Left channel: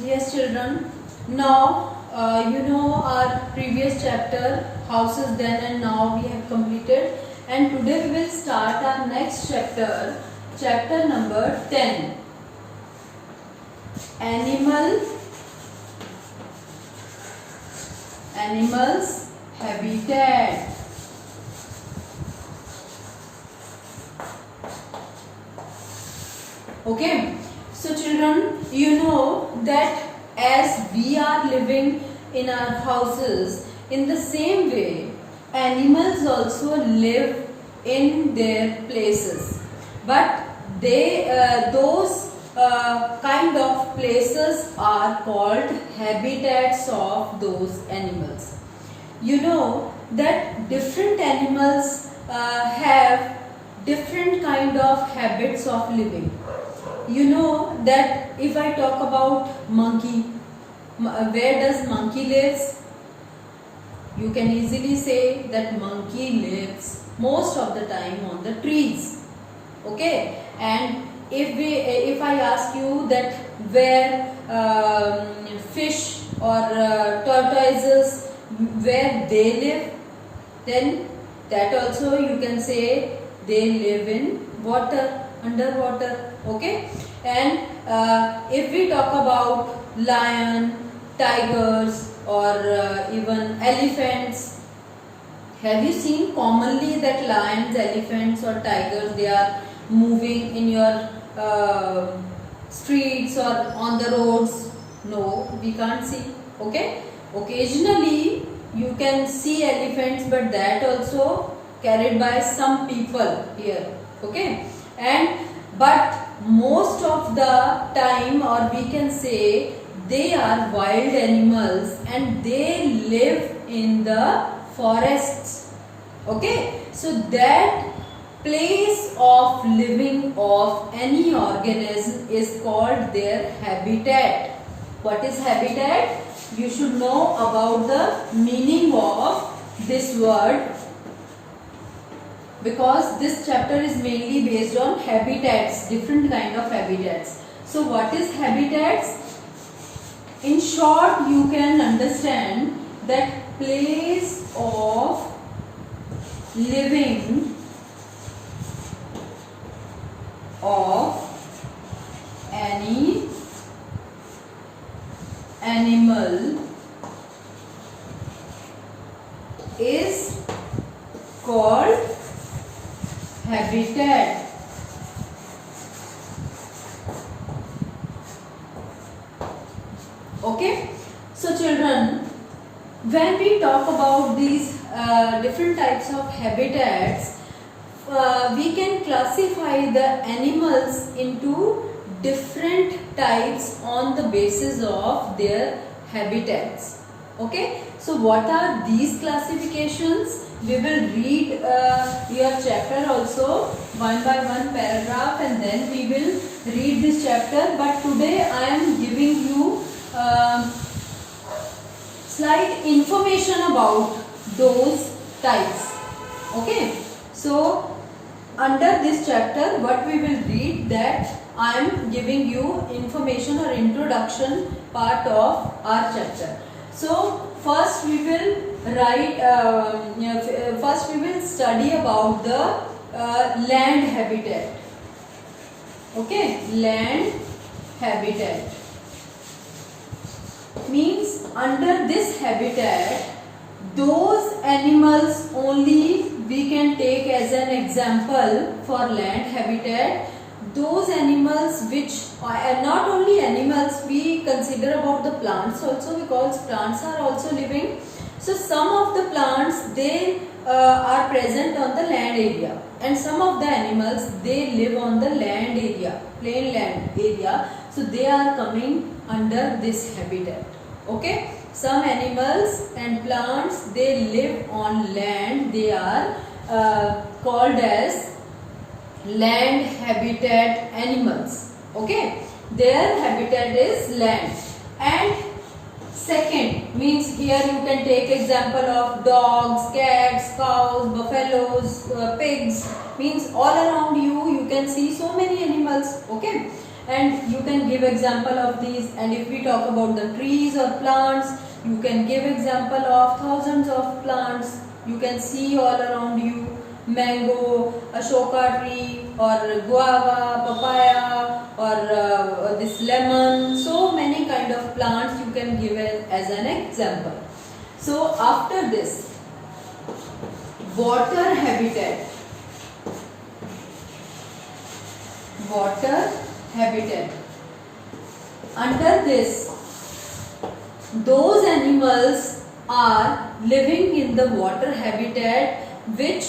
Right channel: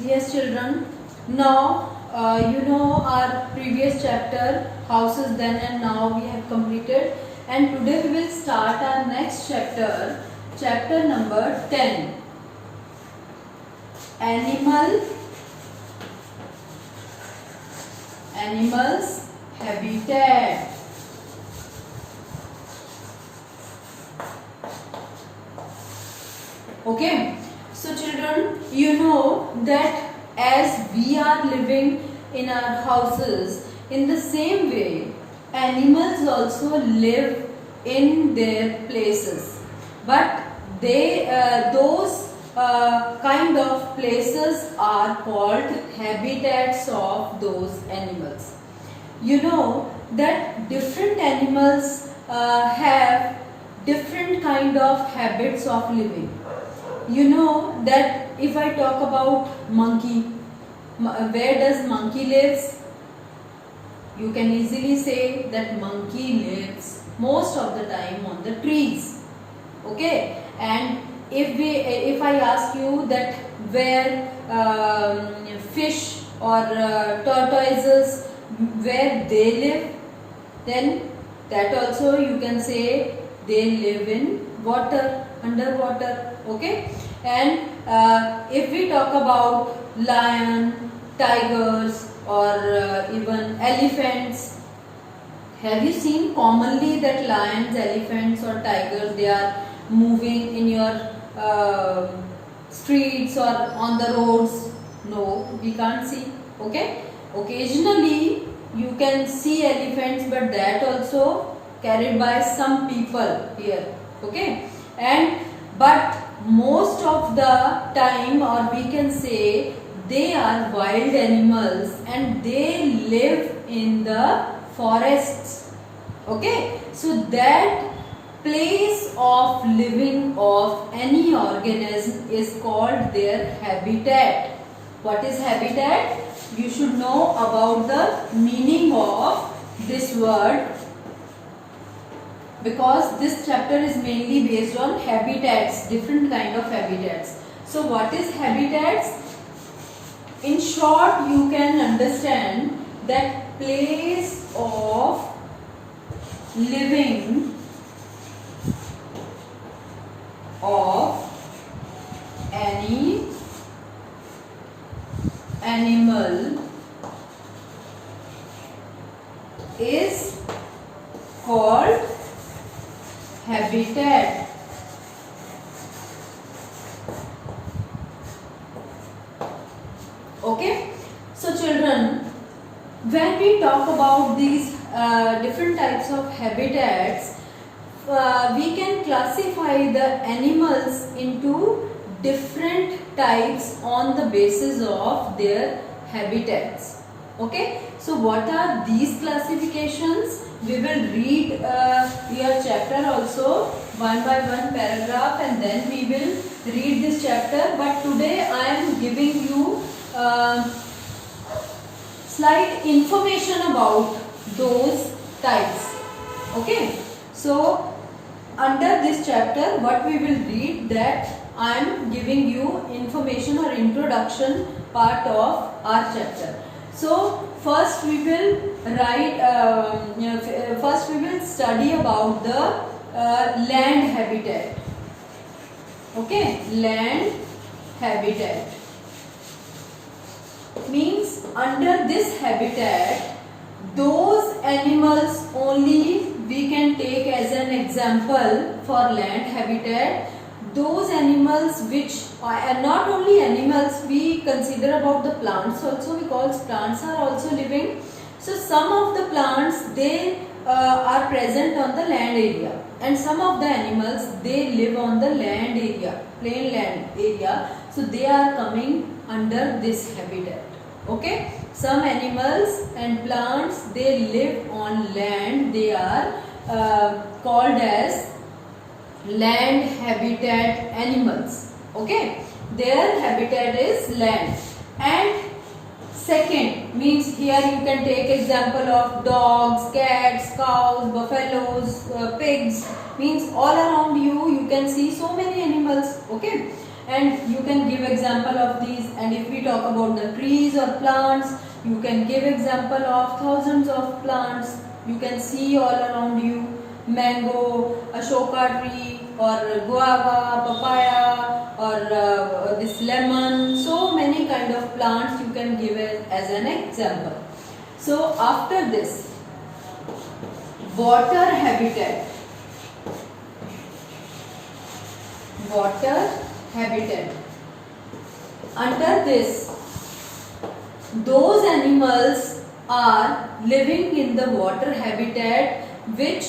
Yes, children. Now, you know our previous chapter, houses then and now we have completed. And today we will start our next chapter, chapter number 10. Animals, habitat. Okay. So children, you know that as we are living in our houses, in the same way, animals also live in their places. But those kind of places are called habitats of those animals. You know that different animals have different kind of habits of living. You know that if I talk about monkey, where does monkey lives? You can easily say that monkey lives most of the time on the trees. Okay, and if I ask you that where fish or tortoises, where they live, then that also you can say they live in water, underwater. Okay, and if we talk about lion, tigers, or even elephants, have you seen commonly that lions, elephants, or tigers, they are moving in your streets or on the roads? No, we can't see. Okay, occasionally you can see elephants, but that also carried by some people here. Okay, and but most of the time, or we can say, they are wild animals and they live in the forests. Okay, so that place of living of any organism is called their habitat. What is habitat? You should know about the meaning of this word, because this chapter is mainly based on habitats, different kind of habitats. So what is habitats? In short, you can understand that place of living of any animal is called habitat. Okay, so children, when we talk about these different types of habitats, we can classify the animals into different types on the basis of their habitats. Okay, so what are these classifications? We will read your chapter also one by one paragraph, and then we will read this chapter. But today I am giving you slight information about those types. Okay, so under this chapter, what we will read, that I am giving you information or introduction part of our chapter. So first we will first we will study about the land habitat. Okay, land habitat means under this habitat, those animals only we can take as an example for land habitat. Those animals which are not only animals, we consider about the plants also, because plants are also living. So some of the plants, they are present on the land area, and some of the animals, they live on the land area, plain land area. So they are coming under this habitat. Okay, some animals and plants, they live on land, they are called as land habitat animals. Okay, their habitat is land. And second means, here you can take example of dogs, cats, cows, buffaloes, pigs, means all around you can see so many animals. Okay, and you can give example of these. And if we talk about the trees or plants, you can give example of thousands of plants you can see all around you. Mango, Ashoka tree, or guava, papaya, or this lemon. So many kind of plants you can give as an example. So after this, water habitat. Water habitat. Under this, those animals are living in the water habitat which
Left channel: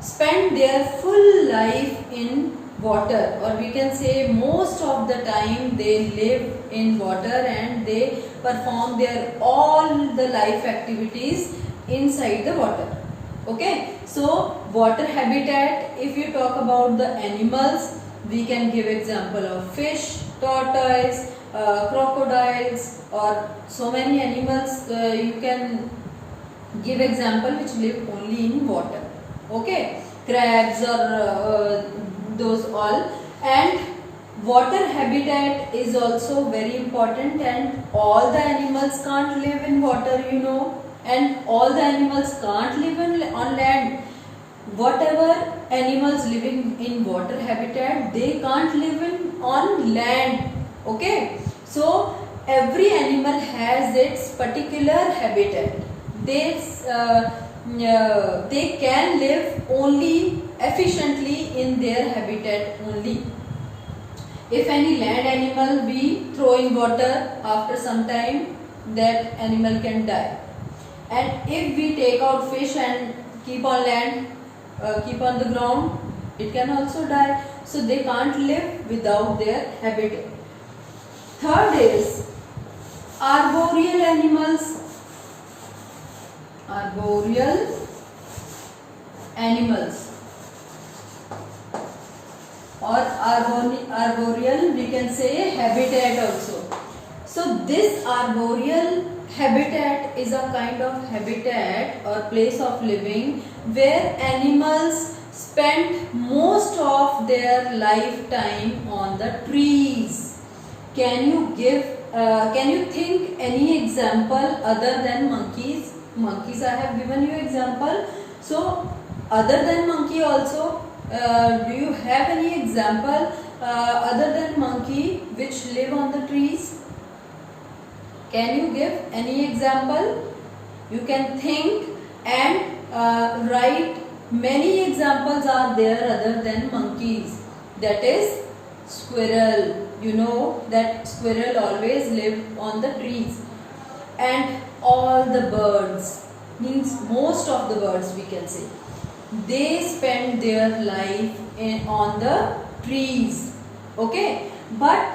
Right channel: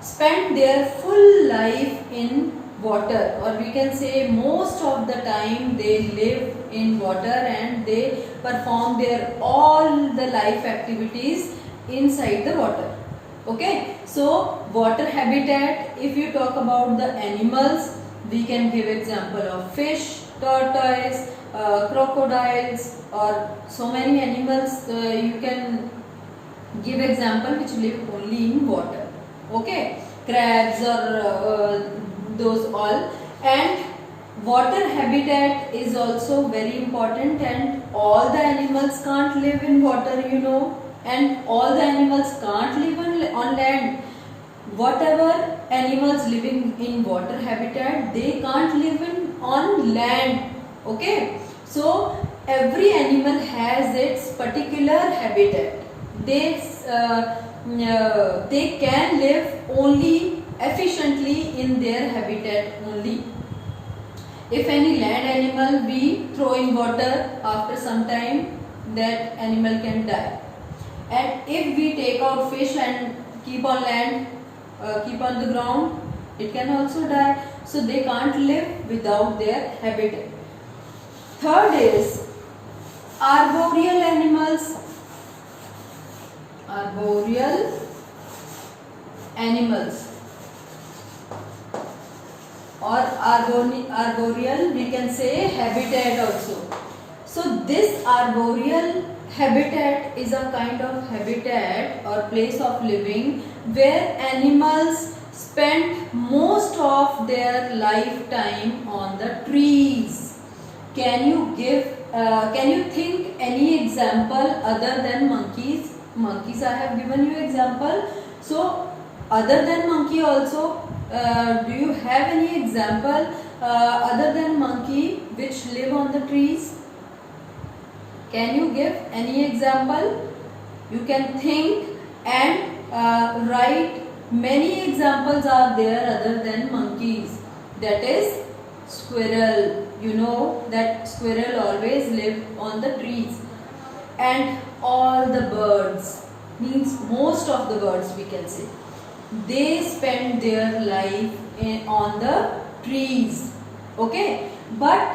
spend their full life in water, or we can say most of the time they live in water and they perform their all the life activities inside the water. Okay, so water habitat, if you talk about the animals, we can give example of fish, tortoise, crocodiles, or so many animals you can give example which live only in water. Okay, crabs or those all. And water habitat is also very important, and all the animals can't live in water, you know, and all the animals can't live on land. Whatever animals living in water habitat, they can't live on land. Okay, so every animal has its particular habitat. They can live only efficiently in their habitat only. If any land animal we throw in water, after some time that animal can die. And if we take out fish and keep on land, keep on the ground, it can also die. So they can't live without their habitat. Third is arboreal animals. Arboreal animals, or arboreal we can say habitat also. So this arboreal habitat is a kind of habitat or place of living where animals spend most of their lifetime on the trees. Can you think any example other than monkeys? Monkeys I have given you example. So other than monkey also, do you have any example other than monkey which live on the trees? Can you give any example? You can think and write. Many examples are there other than monkeys. That is squirrel. You know that squirrel always live on the trees. And all the birds, means most of the birds we can say, they spend their life on the trees. Okay, but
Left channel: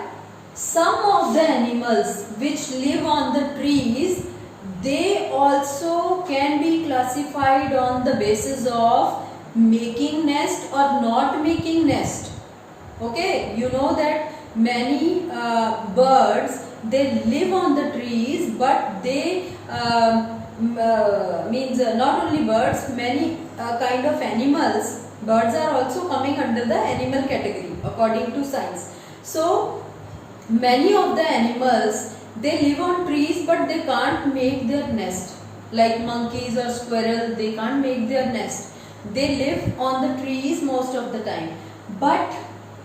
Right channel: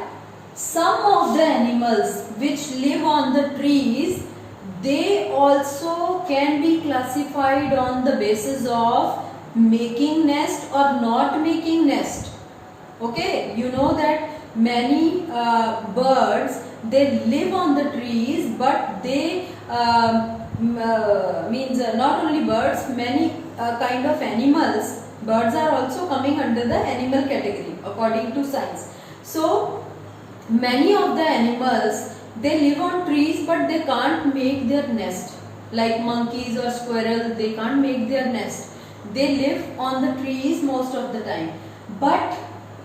some of the animals which live on the trees, they also can be classified on the basis of making nest or not making nest. Okay, you know that many birds, they live on the trees, but they means not only birds, many kind of animals. Birds are also coming under the animal category according to science. So many of the animals, they live on trees but they can't make their nest. Like monkeys or squirrel, they can't make their nest. They live on the trees most of the time. But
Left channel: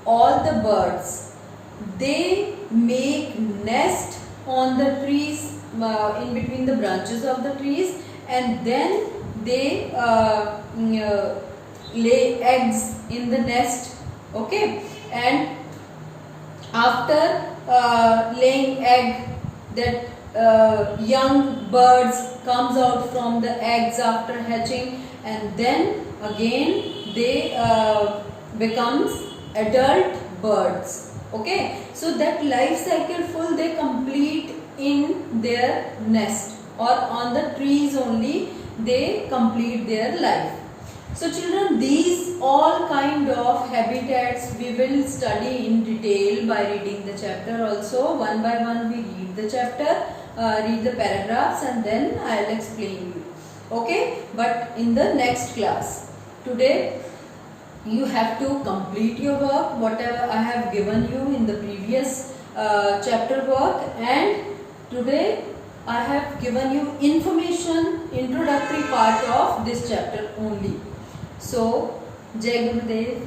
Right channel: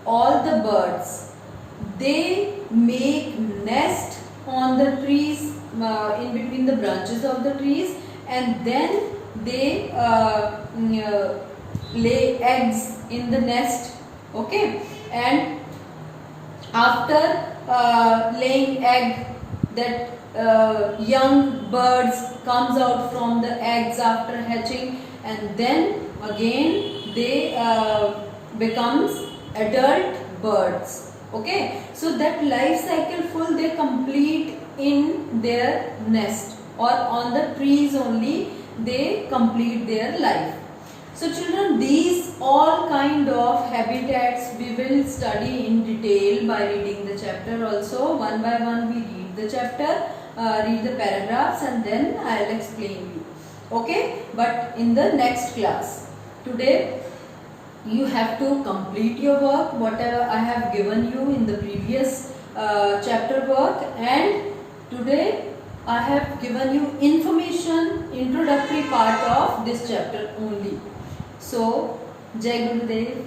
all the birds, they make nest on the trees, in between the branches of the trees, and then they lay eggs in the nest. Okay, and after laying egg, that young birds comes out from the eggs after hatching, and then again they becomes adult birds. Okay, so that life cycle full they complete in their nest, or on the trees only they complete their life. So children, these all kind of habitats we will study in detail by reading the chapter also. One by one we read the chapter, read the paragraphs, and then I will explain you. Okay, but in the next class. Today you have to complete your work whatever I have given you in the previous chapter work, and today I have given you information, introductory part of this chapter only. So, Jai Gurudev.